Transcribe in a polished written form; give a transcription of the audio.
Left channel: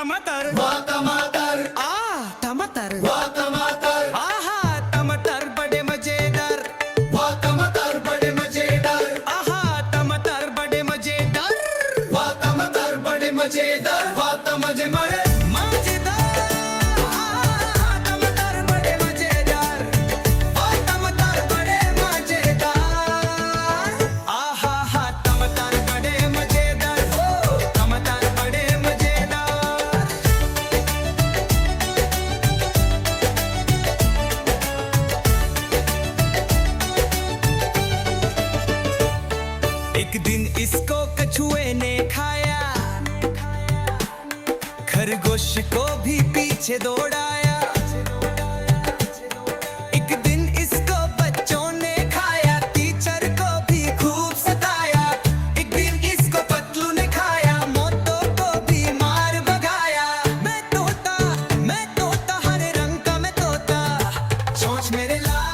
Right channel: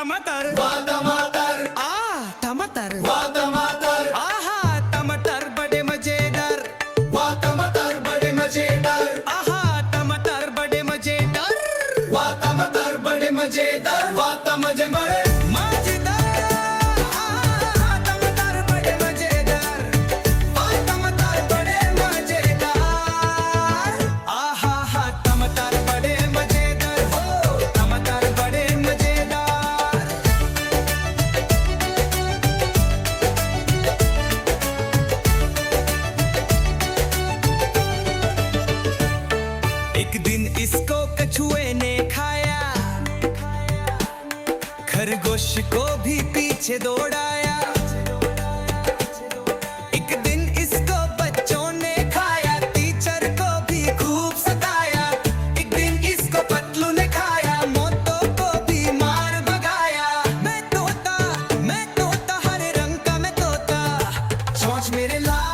टमाटर टमाटर आहा टमाटर बड़े मजेदार आहा टमाटर बड़े मजेदार मजेदार आहा टमाटर बड़े मजेदार टमाटर बड़े मजेदार आहा हा टमाटर बड़े मजेदार टमाटर बड़े मजेदार एक दिन इसको कछुए ने खाया खरगोश को भी पीछे दौड़ाया एक दिन इसको बच्चों ने खाया टीचर को भी खूब सताया एक दिन इसको पतलू ने खाया मोटों को भी मार भगाया मैं तोता हरे रंग का मैं तोता चोंच मेरे लाल